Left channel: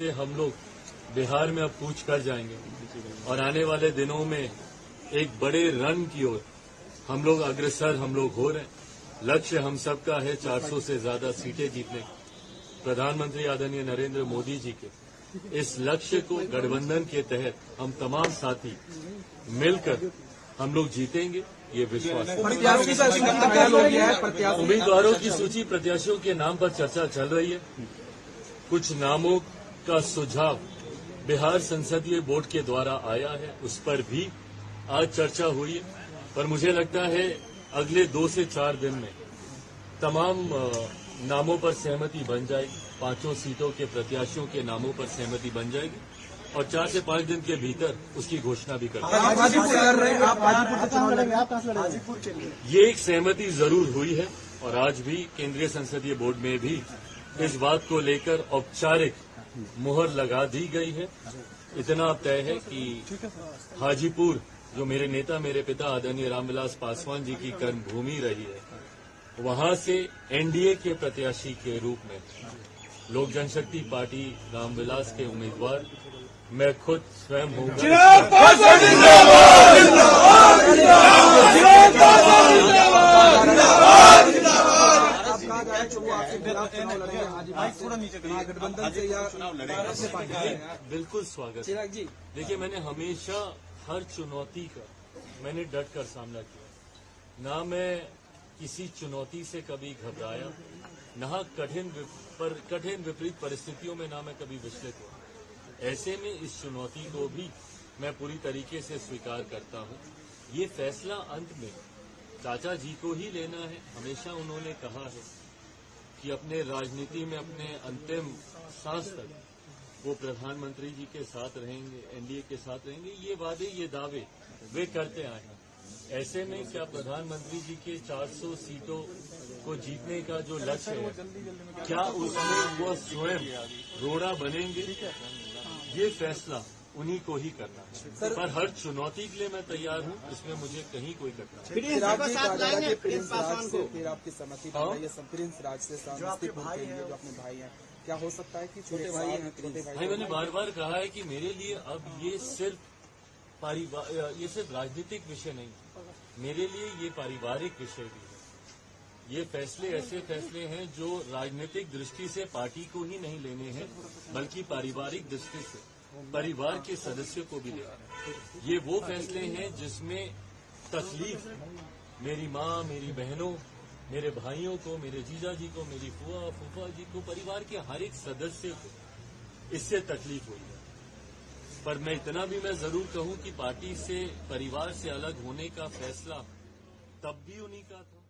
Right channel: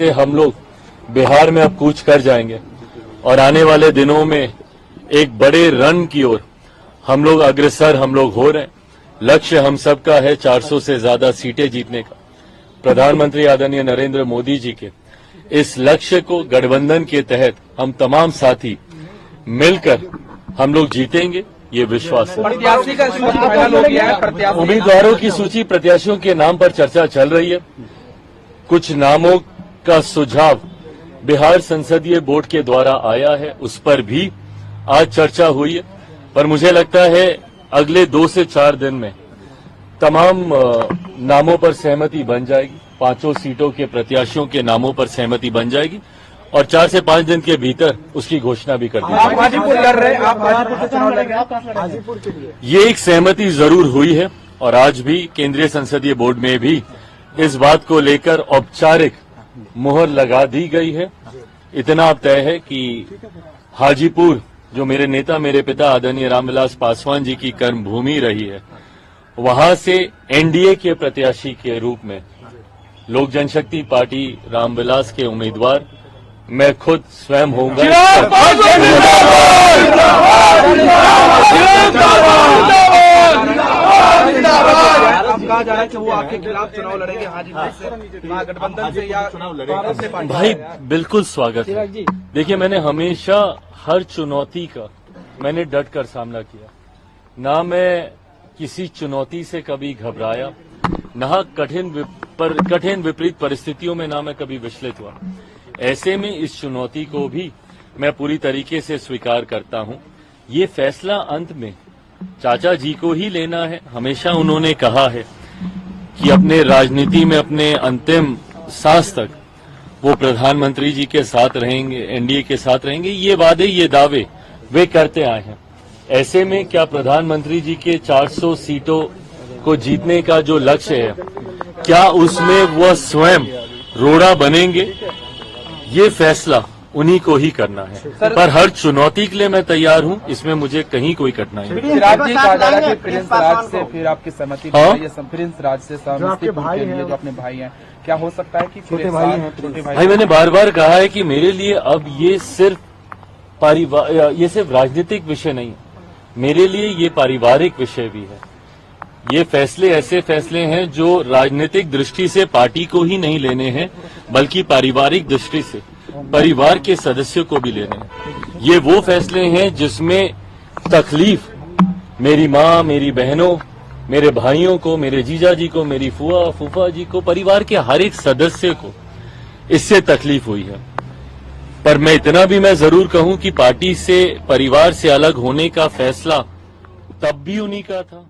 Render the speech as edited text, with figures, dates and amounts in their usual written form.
से हम लोग बिहार में अब कूच कर जाएंगे और आने वाले दिनों में एक बड़े रन की ओर हम लोग अग्रसर हो रहे हैं। लक्ष्य हम सबका है 400 से ज्यादा सीटें जीतने का। प्रधानमंत्री आदरणीय नरेंद्र मोदी जी के इस लक्ष्य को गठबंधन के तहत हम तमाम साथी मिलकर हम लोग जीतेंगे, ये विश्वास है। उम्मीदवारों की सूची, प्रत्याशियों के नाम पर चर्चा चल रही है। कुछ नामों का सुझाव बिहार संसदीय बोर्ड के द्वारा आया है, उस पर भी आज चर्चा हुई है। पर मुझे लगता है अगले 2 से 4 दिन में तमाम नामों पर सहमति बन जाएगी। 5 सीटों के प्रत्याशियों के नामों पर सहमति बन जाएगी और 4 से 5 दिन के भीतर उसकी घोषणा भी कर दी जाएगी। ये एक सहमति जरूर हुई है और आज भी केंद्रीय संसदीय बोर्ड में भी इस बात को लेकर औपचारिक मुहर लगा दी गई है। इतना अब तय है कि हाजीपुर, जो मेरे नेता, मेरे पिता आदरणीय रामविलास पासवान जी की कर्मभूमि रही है, वहां से एनडीए के प्रत्याशी के रूप में लोक जनशक्ति पार्टी रामविलास के उम्मीदवार मैं खुद स्वयं होऊंगा। वो आपके खिलाफ चुनाव लड़ेंगे गठबंधन से या भाई, बिल्कुल स्वागत है। देखिए, मैंने हमेशा हर चुनौती का मैंने डट कर सामना किया। ना मैं किसी चुनौती से कभी घबराया, ना कठिन विपरीत परिस्थितियों में ना मैं कभी विचलित हुआ। ऐसे में इस चुनौती को भी मैं पूरी तरीके से स्वीकार करता हूं। ये फैसला अंत में चाचा जी को ही लेना है। हमेशा उन्होंने कहा है कि अपने राजनीति में अपने अंतिम सांस तक वो प्रधानमंत्री जी के साथ रहेंगे, एनडीए के साथ रहेंगे। ये वादे, ये दावे वे करते आए हैं। ऐसे में क्या प्रधानमंत्री जी के 400 सीटों को जीतने का जो लक्ष्य है, क्या उसमें वह स्वयं रोड़ा बनेंगे? ये फैसला उन्हीं को ही करना है। पर हर चुनौती के लिए मैं तैयार हूं, इसमें मुझे कहीं कोई कठिनाई नहीं। प्रिंस राज से फिर आपकी सहमति, प्रिंस राज से समस्तीपुर के लिए जो अपने भाई हैं, क्या हो सकता है कि छोटे भाई मैंने बार बार कहा है कि मेरे लिए अब ये सिर्फ राजनीतिक विषय नहीं है, मेरे लिए ये पारिवारिक विषय भी है। ये फैसले ऐसे फैसले हैं जो राजनीतिक दृष्टि से पार्टी को ही नहीं लेने हैं, बल्कि पारिवारिक दृष्टि से परिवार के सदस्यों को भी लेने हैं। ये वो फैसले हैं जिसमें तकलीफ मेरी माँ, मेरी बहनों, मेरे भाइयों को, मेरे जीजा जी को, मेरी फुआ फूफा जी को, परिवार के हर एक सदस्य को इससे तकलीफ हुई है। पर मैं इतना भी मैं जरूर कहूं कि पार्टी से, परिवार से अलग होने का फैसला तब भी उन्हीं का था,